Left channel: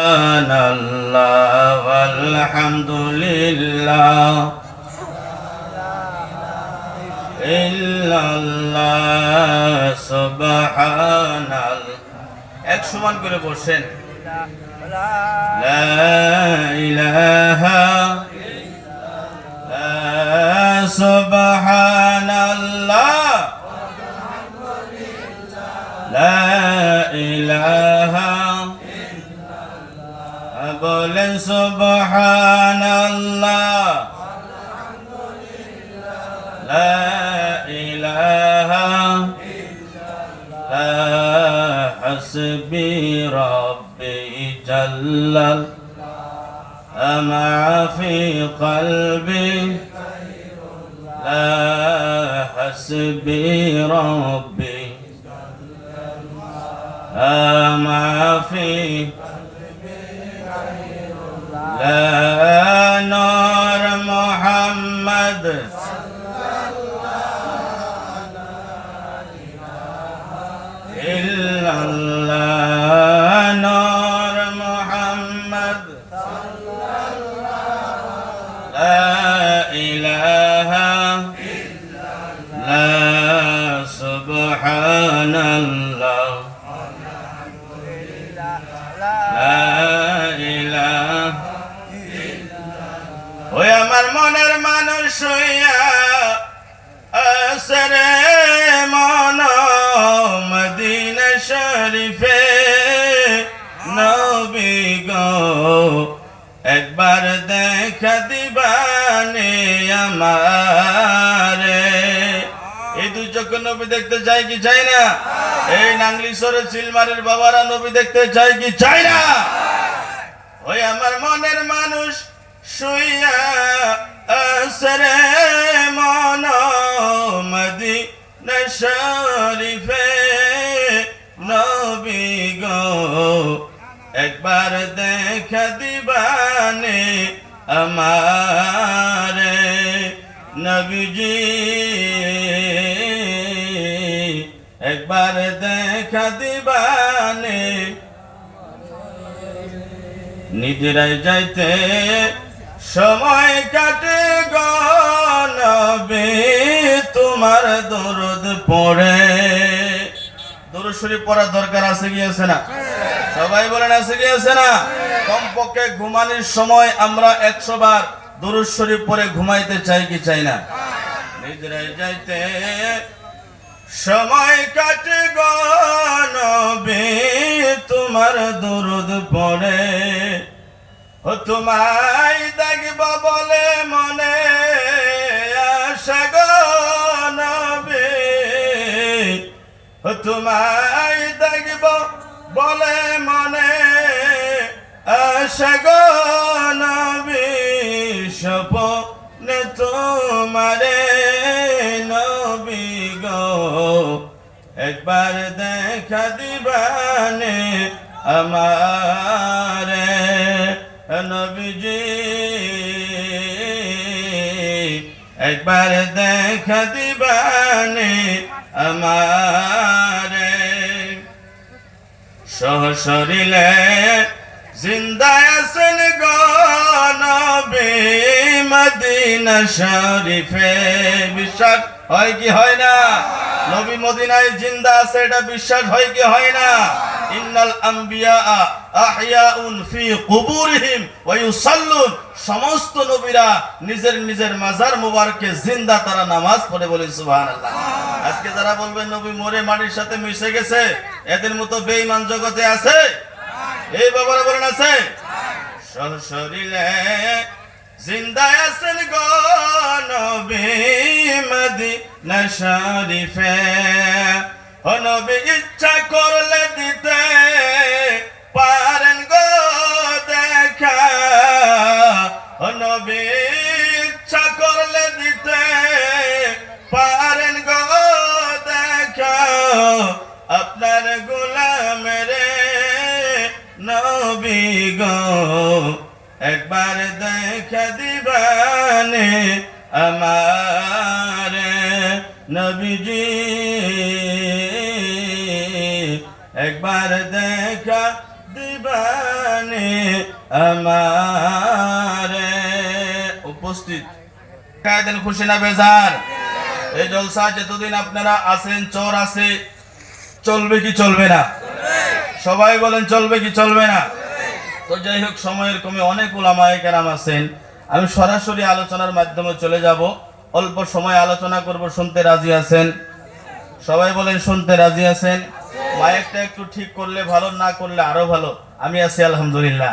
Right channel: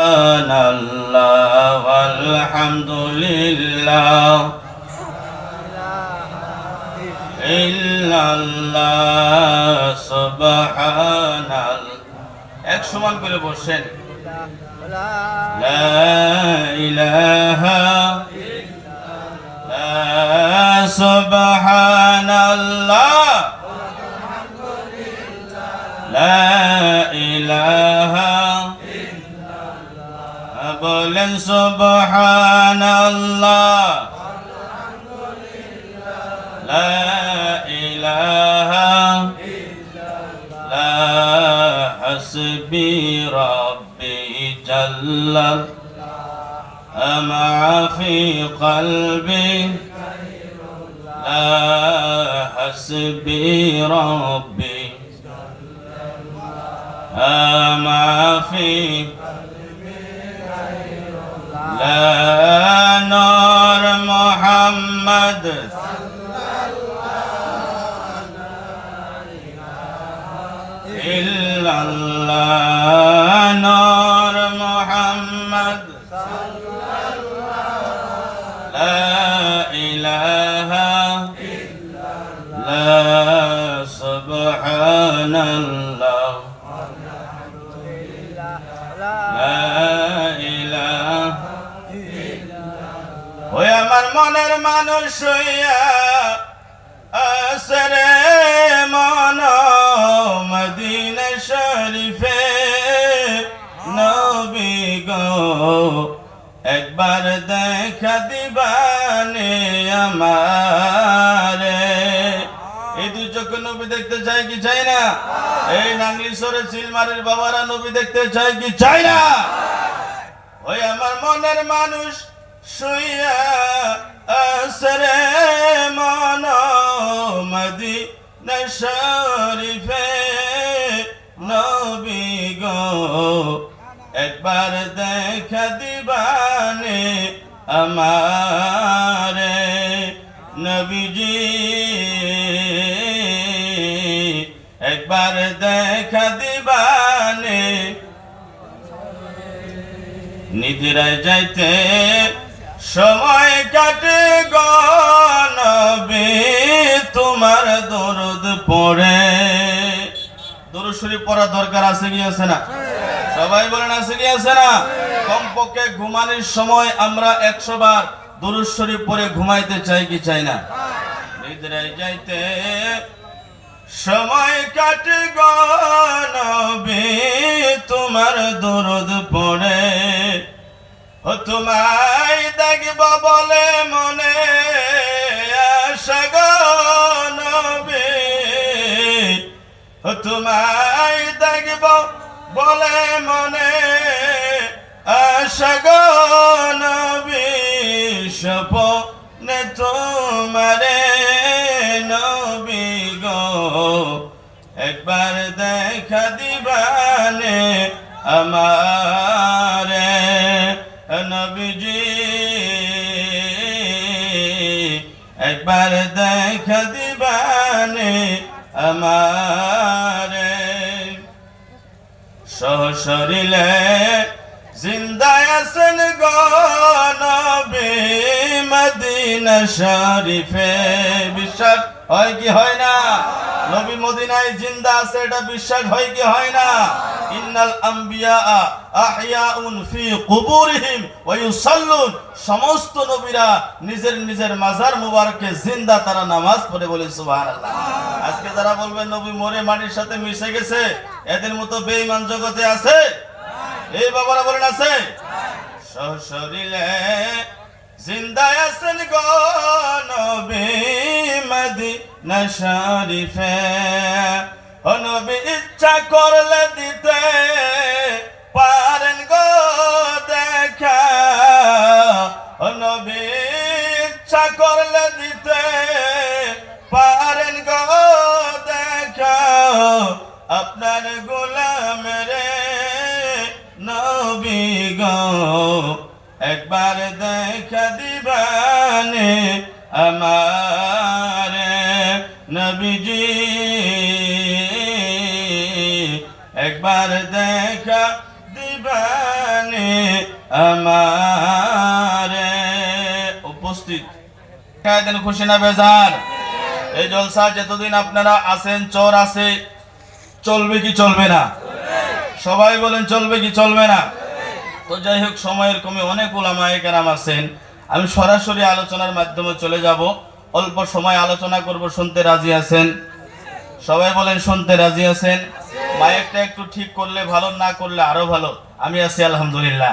সুবহানাল্লাহ আলহামদুলিল্লাহ ইল্লাল্লাহ সুবহানাল্লাহ। এক সমান করে বসেন। লা ইলাহা ইল্লাল্লাহ সুবহানাল্লাহ লা ইলাহা বলেন সুবহানাল্লাহ লা ইলাহা ইল্লাল্লাহ হাসবি রাব্বি জাল্লাল মা ফি কলবি লা হাসবি রাব্বি মা ফি নূর মুহাম্মদ ইল্লাল্লাহ নূর মুহাম্মদ লা ইলাহা ইল্লাল্লাহ সুবহানাল্লাহ ওই আমার মনের মানুষ হইয়া আসরে মন মদিনা শরীফে নবী গো একবার দেখা দিবানে আমারে। এই দুই চোখে নবী দেখতে চাই কি চাই না? এই নাংলিশরের চিলমারের বাবারা নবী দেখতে চাই কি চাই না? ওই আমার মনের মানুষ শুইয়া আসরে মন মদিনা শরীফে নবী গো একবার দেখা দিবানে আমারে। নবীজি একবার দেখা দিবানে নিদ্রায় যাইতে সময় কাটে গো নবী তোমার দরদ পড়ে। দরুদ শরীফ পড়া দরকার আছে কি আছে না? সবাই বলেন আছে কি আছে না? কমপক্ষে ঘুমানোর সময় আমরা 100 বার দরুদ শরীফ পড়ে ঘুমাইতে চাই কি চাই না? নিদ্রায় যাইতে সময় কাটে গো নবী তোমার দরদ পড়ে। ও তোমায় দেখব বলে মনে আশা গো নবী, ও তোমায় দেখব বলে মনে আশা গো নবী, স্বপ্নে তোমারে নবী গো একবার দেখা দিবানে আমারে। নবীজি একবার দেখা দিবানে আমারে। সহশরীরে জিন্দা আছেন গো নবী মদিনা শরীফে। বিশ্বাস হয় কি হয় না? নবী মদিনায় জিন্দা আছে এটা বিশ্বাস হয় কি হয় না? ইন্নাল আম্বিয়া আহইয়াউন ফি কুবুরিহিম ওয়া ইউসাল্লুন। সমস্ত নবীরা নিজের নিজের মাজার মোবারকে জিন্দা, তারা নামাজ পড়ে বলে সুবহানাল্লাহ। আজকে যারা বলবেন নবী মরে মাটির সাথে মিশে গেছে, এদের মতো বেঈমান জগতে আছে? এই বাবারা বলেন আছে? সশরীরে জিন্দা আছেন গো নবী মদিনা শরীফে। ও নবী ইচ্ছা করলে দিতে পারেন গো দেখা, ও নবী ইচ্ছা করলে দিতে পারেন গো দেখা, আপনার গোলামের নবী গো একবার দেখা দিবানে আমারে। নবীজি একবার দেখা দিবানে আমারে উপস্থিত কায়দেন খুশি না বেজার? এই জলসা যতদিন আপনারা আছেন চোর আছে, চলবে কি চলবে না? সবাই বলেন চলবে কি চলবে না? তো যাই হোক, সময়ের কমে অনেক উলামায়ে কেরাম আছেন, আমি সরাসরি আলোচনার মাধ্যমে চলে যাব। অল্প সময় আলোচনা করব, শুনতে রাজি আছেন? সবাই বলেন শুনতে রাজি আছেন? মাইকটা একটু ঠিক করলে ভালো, না করলে আরো ভালো। আমি আছি আলহামদুলিল্লাহ।